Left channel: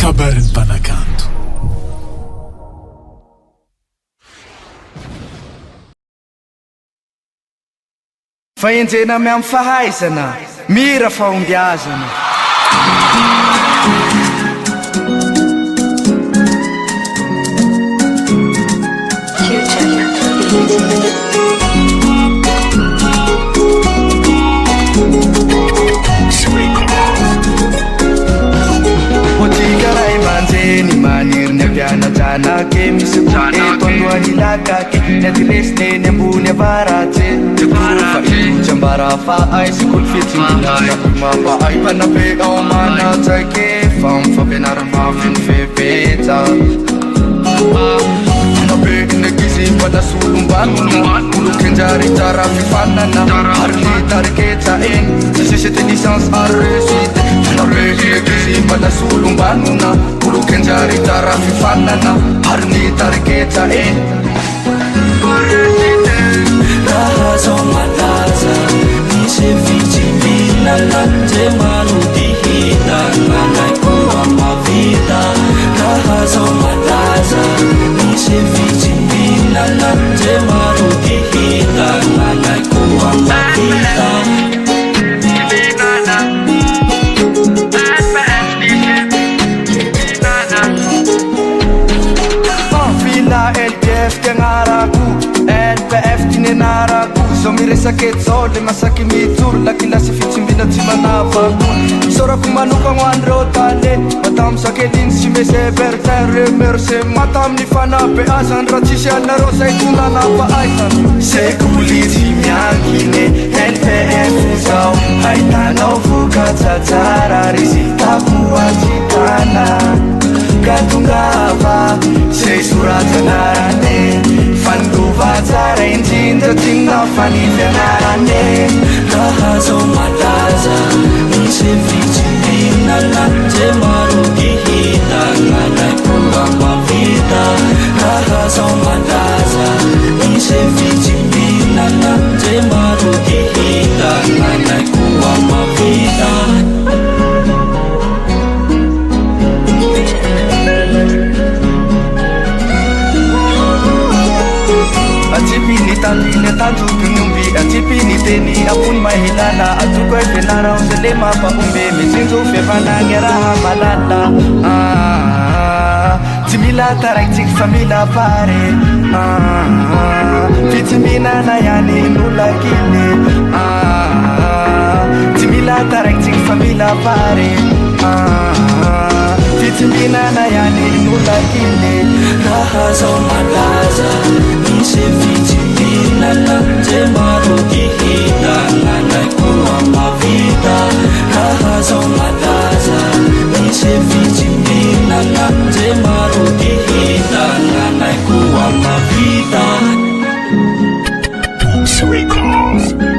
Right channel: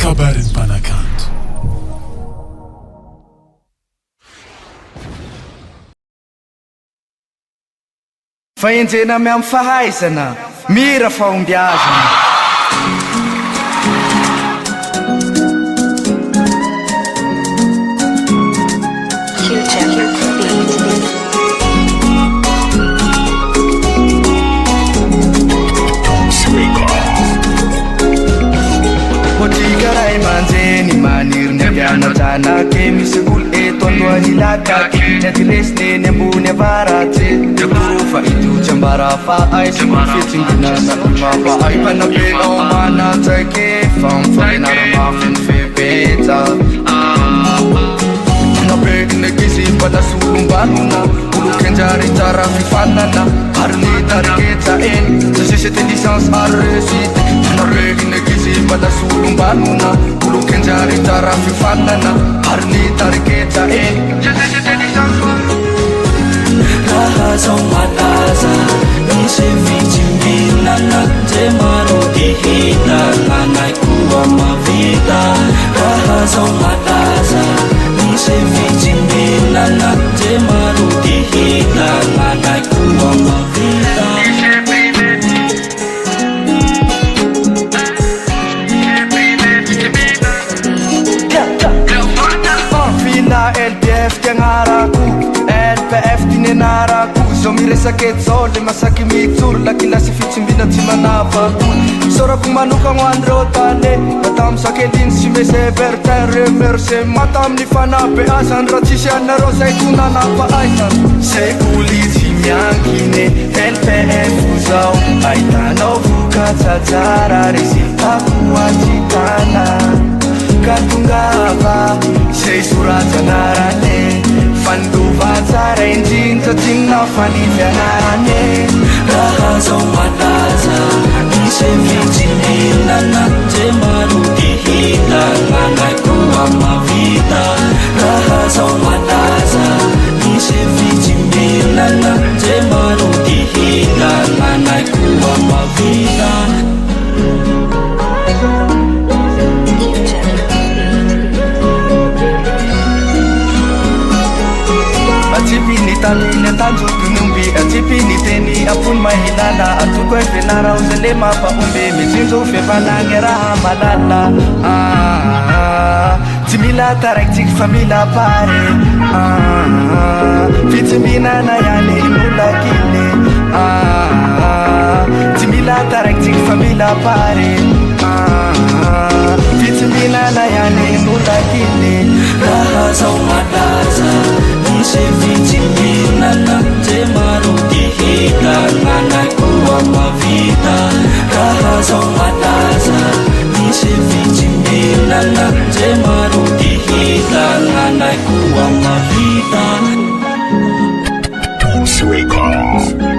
KABARON'NY MPANAKANTO. Faenjena miamy fahaizana, mira fahombiazana. Otikara manjeny maniry ny ampianatranake misy olo eto andohany lakake ny adiresiny ny ambony avaratsy tekorofa idotry ambara fa ay sekoly fitsimbinana imapa ay panabe ao manatsake fa mifampianara mafy ny fepetsa nabe negizy mbala solombanona olo kenjary tsara fifanana ary ny tariketsa eny sasisety licence ary réussite nabe negizy mbala solombanona olo kenjary tsara fifanana ary ny tariketsa eny raha zao malaza misy fitsimbinana je maro dihita nanay koa mavita raha zao malaza misy fitsimbinana je maro dihita nanay koa mavita FILAH El BIEF tiagnarako LPF tinenarako zao miresaky zao le masaky mijoro lakilasy fitsimbina tsy manavako sorako manokagno andreo tale matamy sakeliny sy mese bertin remercie mata amin'ny fanabe azany raha tsisy anareo zay tsonanapa aizany sekoly tsy miankine LPF zao ahitanao vokatsatsara resultako antsitana katongava say soratsanarane fandova tsara indrindra tsinona fanifianarane raha zao malaza misy fitsimbinana je maro dihita nanay koa mavita raha zao malaza misy fitsimbinana je maro dihita nanay koa mavita atsipiny tandiny atanjokiny omby atsipiny teny apony mahilala atoko hoe fianara ozale mampaomby mitsinjo fiavanagny raha malala tsy mila taraikitsika fa mila pare fitsimbinana ihany nolakile tsy mila taraikitsika fa mila pare fitsimbinana ihany nolakile raha zao malaza misy fitsimbinana je maro dihita nanay koa mavita raha zao malaza misy fitsimbinana je maro dihita nanay koa mavita. Sweet call.